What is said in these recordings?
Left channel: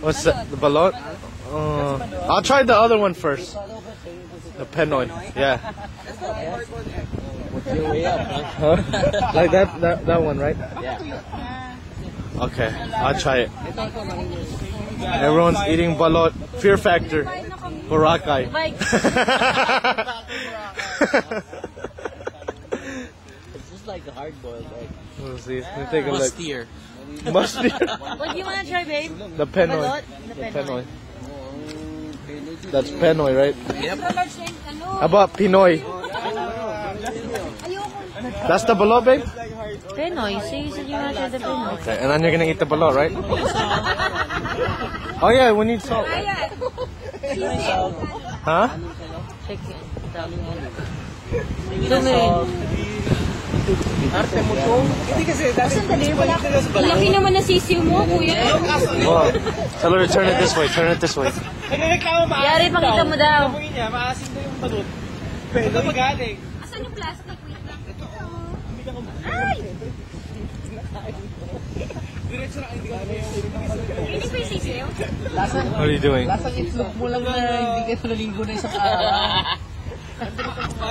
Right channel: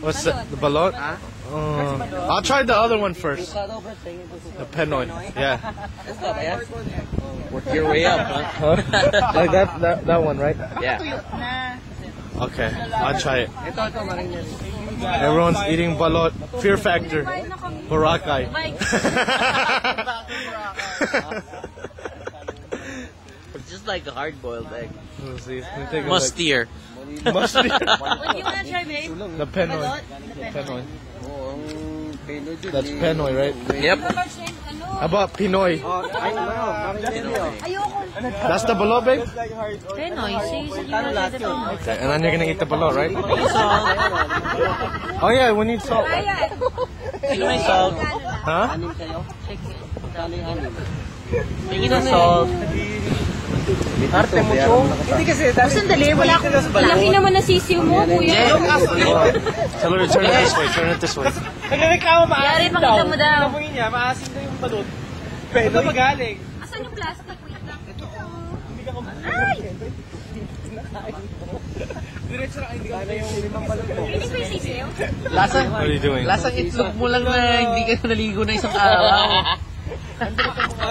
What's that? The balot? I'll try the other one first. The Penoy. Yeah. Work your way up, huh? Like that one, right? Yeah. Okay, I'll try it. Everyone's eating balot. Fear factor. Boracay. It's just like a hard-boiled egg. Let's see. Let me take a Mustier. look. Mustier. What do you want to try, babe? The Penoy. The Penoy. That's Penoy, right? Yep. How about Pinoy? That's the balot, babe? Penoy. So you said you want to try the Penoy. Okay, and then you're gonna eat the balot, right? Oh yeah, we need salt. Salt. Huh? Tingin na salt. Arte mo to. Hindi kasi Sandali, wala ko. Laki naman na sisiw mo, kuya. Whoa. Tell her to turn it this way. Turn it this way. nagreklamo maasim Yari, pakita mo daw. Amoy niya, maasim daw yung balot. Pwede magaling. Asan yung plastic? Wait lang. Hindi ka kumain. Ay! Diretso na hindi ka yung limang balot mo. Hindi ko yung sisiw? Lasang, What are you doing? lasang itlog mo lang na hindi ka naligo na isang araw.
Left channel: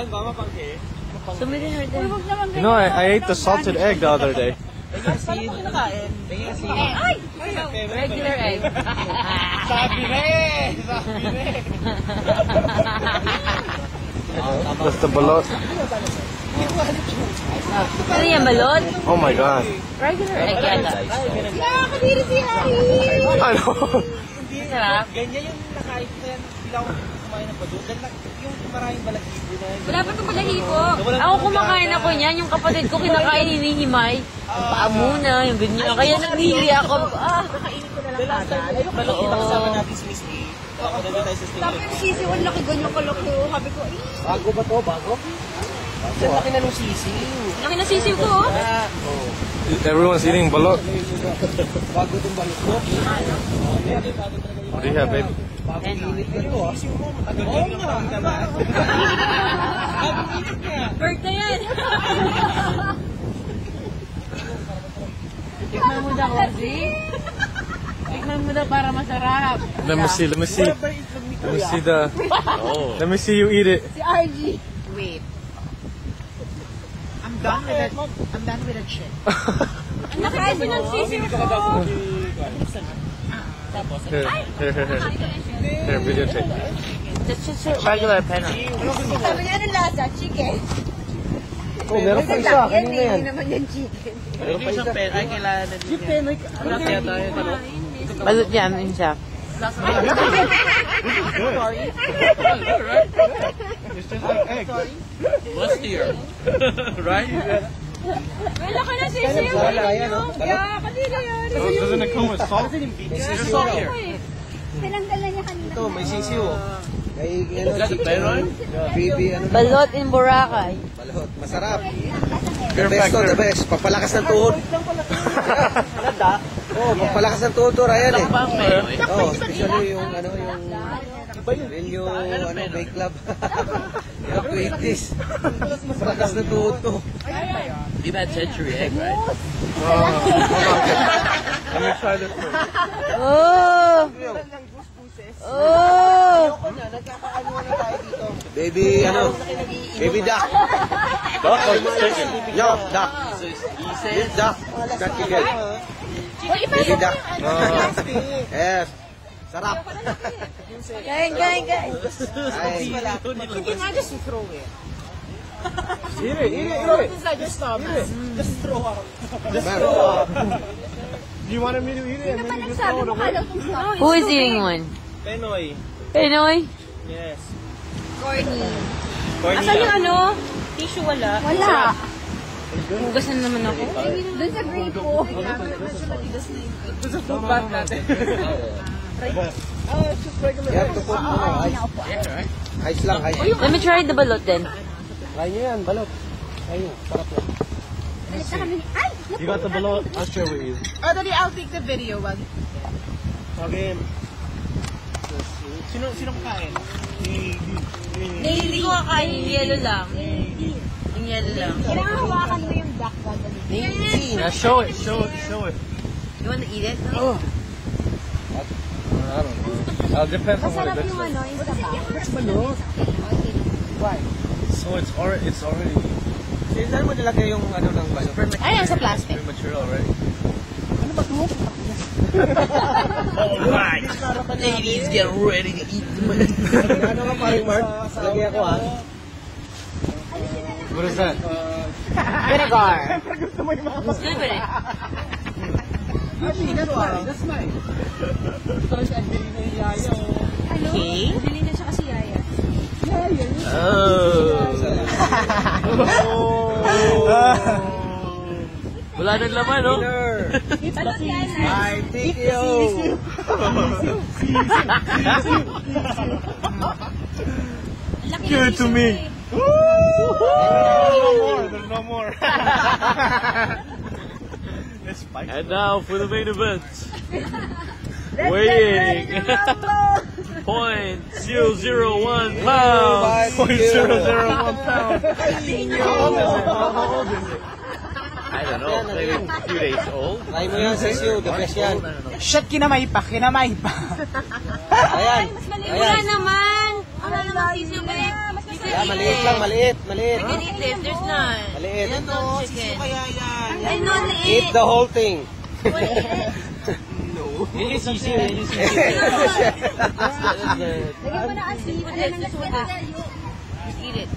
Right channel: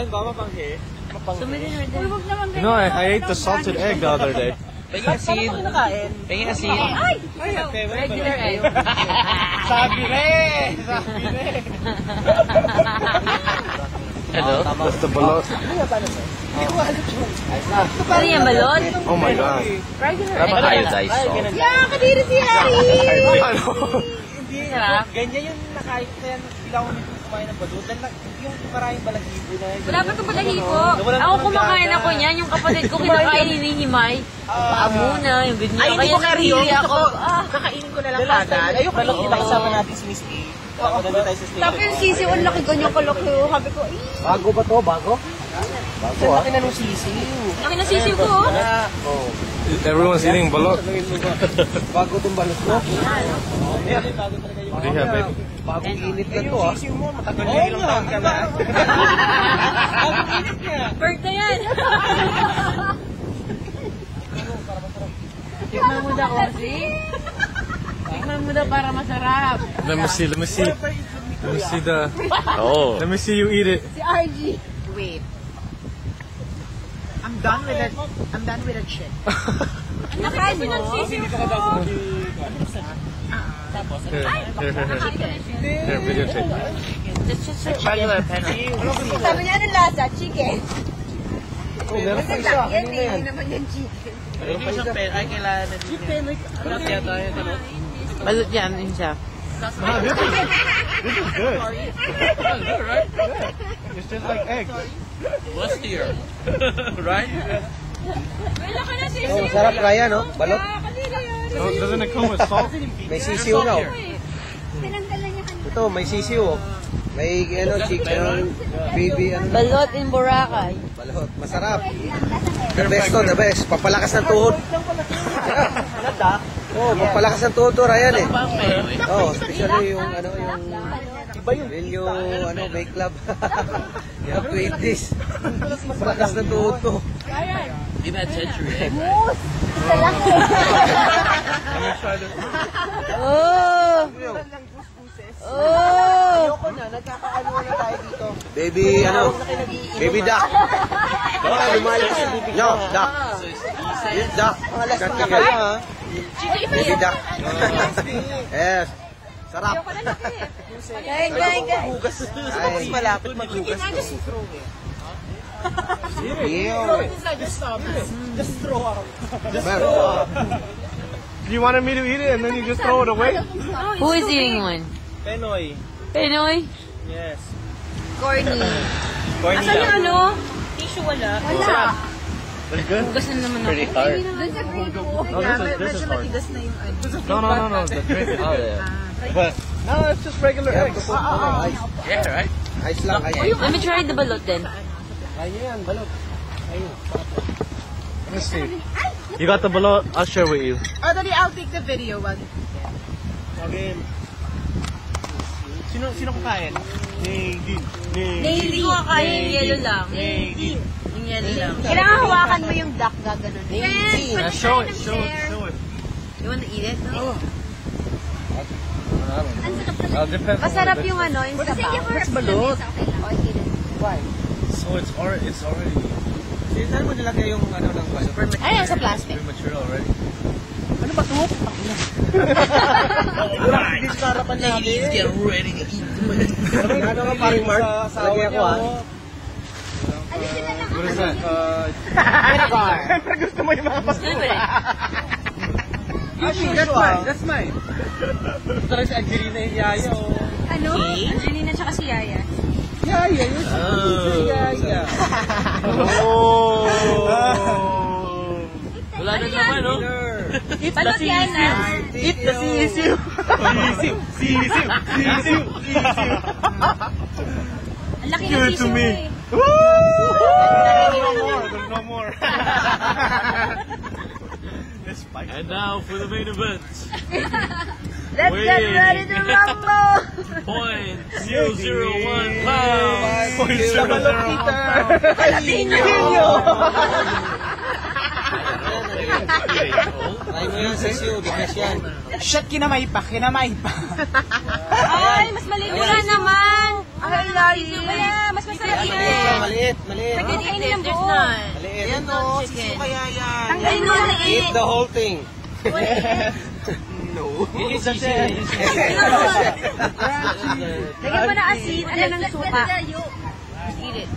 Bama pangke. Sumili na rin. You know, I ate the salted egg the other day. Pagin asin. Pagin asin. Ay! Regular egg. Sabi rin! Sabi rin! Ano? That's the balot. Ano yan, balot? Oh my god. Regular egg. Iodized salt. Yeah, kadiri si Harry! I know. Hindi, Sarap. ganyan yung nakain ko yan. Bilang ko kumain ng balot. Dahil yung maraming balahibo na. Wala pa itong balahibo. Ako kumakain ako niyan. Yung kapatid ko kinakain hinihimay. Yung paa muna, yung ganyan. Kaya narili ako. Kakainin ko na lang kada. Ayoko na kita kasama natin si Miss A. Ako tayo sa station. Tapos yung sisiw, ang laki ganyan kalaki. Sabi ko, eh. Bago ba to? Bago? Bago laki na nung sisiw. Laki na sisiw ko, oh. Everyone's eating balot. Bago tong balot mo. What do you have, babe? Bagong init na to, ah. Sisiw mo, matagal na ilang taon ka na. Bagong init niya. Birthday yan. Tikman mo daw, Ozzy. Tikman mo daw para masarap. Let me see. Let me see. Let me see the. Oh. Let me see you eat it. Si RG. Wait. I'm done with it. I'm done with that shit. Ang laki kasi ng sisiw ko. Here, Here, videotape. That's just a regular Penoy. Sabi niya, anong lasa? Chicken. Oh, meron pa isa. Kanina yan. Hindi naman yung chicken. Hindi siyang pen. Ay, kailangan na din. Penoy. Ano kaya tayo? Balot yan, yun siya. This is good. Right? It's just like egg. Mustier. Right? May laki na sisiw. Sarap kaya, no? Balot. Kanina yan. Oh, doesn't it come with salt? May sisiw na. Tinanggal na niya kanina. Ito, may sisiw. May ano, chicken, baby, ano. Balot in Boracay. Balot. Masarap. The best to, the best. Pampalakas ng tuhod. Oh, pampalakas ng tuhod to, Ryan eh. Pang Penoy. Oh, especially yung ano, yung when you ano, make love. You have to eat this. Pampalakas ng tuhod to. You've had century egg, right? Let me try this. Oh! Oh! Baby, ano? Baby duck. No, duck. Yes, duck. Cut chicken. Baby duck. Yes. Sarap. Kain. Ay. You wanted me to eat it and then you just throw it away? Who is eating one? Penoy. Penoy? Yes. Corny. Asan yung ano? Tissue wala. Wala. Hugas na naman ako. Doon sa grade ko. Medyo matigas na yung No. But, no, it's just regular eggs. Ice. Yeah, right? Ice lang, ice. Let me try the balot then. Kaya yan, balot. Ayun, sarap yan. Let me see. You got the balot? I'll share with you. Oh, dali, I'll take the video. Wag. Okay. Sino kakain? Ni Dean. Hindi ko kakain yung yellow lang. Yung yellow lang. Kailangan hawakan mo yung duck gaganon. Show it. You wanna eat it? Oh. Depends on Masarap what it yung is. ano, yung sabaw. Mas balot. Why? So it's already Saan mo nilagay yung ano ng balot? Ayan, sa plastic. material already. Ano ba ito? Putang ina. Ladies, get ready to eat. Ano ka paring Mark? Lagay ako ah. What is that? Vinegar. Gusto mo yung mga Libre. That's mine. Ito talaga si Angelina yung yaya. Ano? Okay. Angelina tsaka si Yaya. Yaya, yun. Yaya. Wala nang laman, no? Balot yan ah. Eat the sisiu. Sisiu. Ang laki Give ng it to tissue me. eh. There's no more. It's spicy. And now for the main event. Let's get ready to rumble! 0.001 pounds. 0.001 pounds. I don't know, maybe 2 days old. Try mo yan, sisiyo. Depress yan. Shit, kinamay pa. Ay, mas maliit. Wala naman! Wala naman tissue ba yan? Mas Maliit maliit. lang, maliit. Maliit. We can eat this, there's none. Maliit. There's no chicken. Tanggalin mo na Eat the whole thing. Yun yung sisiyo, yun yung sisiyo. Lagyan mo na asin. Ano ng suka? Just eat it.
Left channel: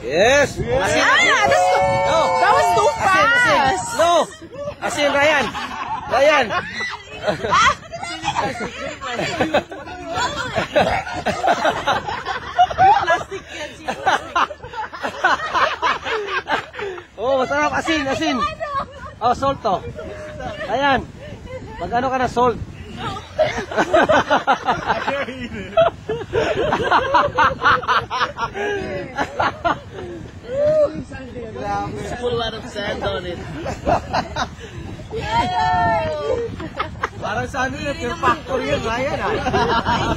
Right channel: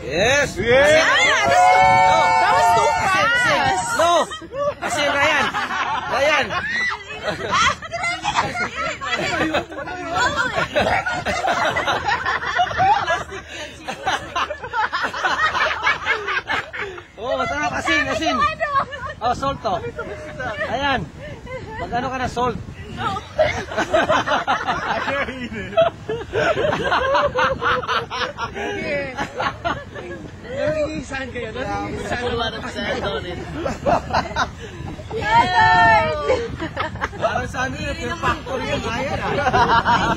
Yes! Asin! No! That was too fast. Asin! No! Asin, Ryan! Ryan! Oh, masarap. Asin, asin. Oh, salt to. Ayan. Mag-ano ka na salt? I can't eat it. Put a lot of sand on it. Parang sa ano yun, Fear Factor yun, Ryan ah.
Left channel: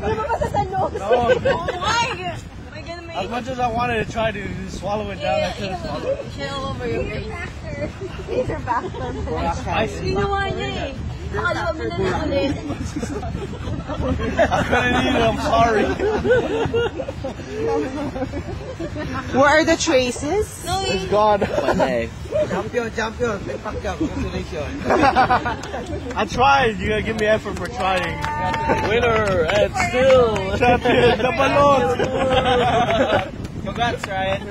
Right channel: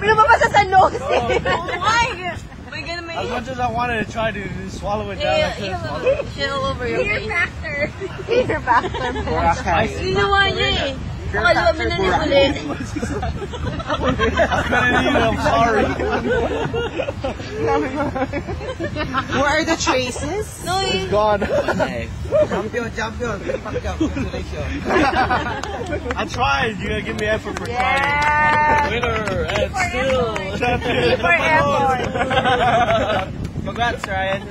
Lumabas sa nose. As much as I wanted to try to swallow it down, I couldn't swallow it. Shit all over your face. Fear factor. Ginawa niya eh. Pakalawa mo na lang ulit. I couldn't eat it. I'm sorry. Where are the traces? No, It's gone. Champion, champion. Fear Factor. Congratulations. I tried. You gotta give me effort for trying. Winner and still Champion, the balloon. Congrats, Ryan.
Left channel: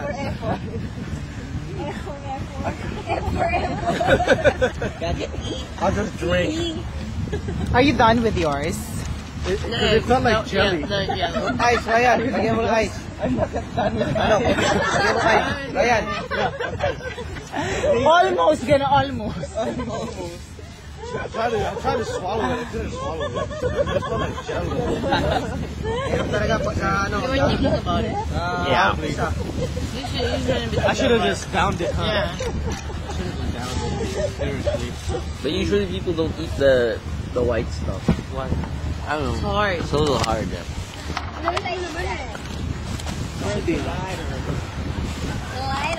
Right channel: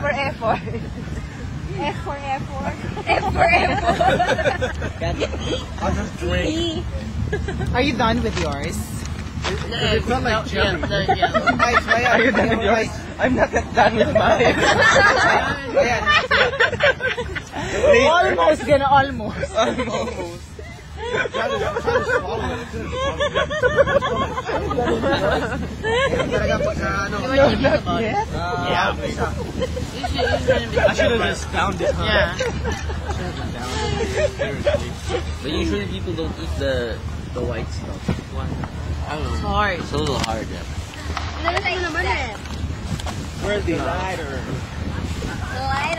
For effort. F for effort. F for effort. I'll just drink. Are you done with yours? It's not like jelly. Ice, Ryan. Bigyan mo ng ice. I'm not done with mine. Ryan. Almost, gonna almost. I'm trying to swallow it. I couldn't swallow it. It's not like jelly. Talaga pagka ano. Yeah, I should have just downed it, huh? Yeah. I should have just downed it. Seriously. But usually people don't eat the white stuff. Why? I don't know. It's hard. It's a little hard, yeah. Naman mo naman eh. Where's the lighter? Lighter.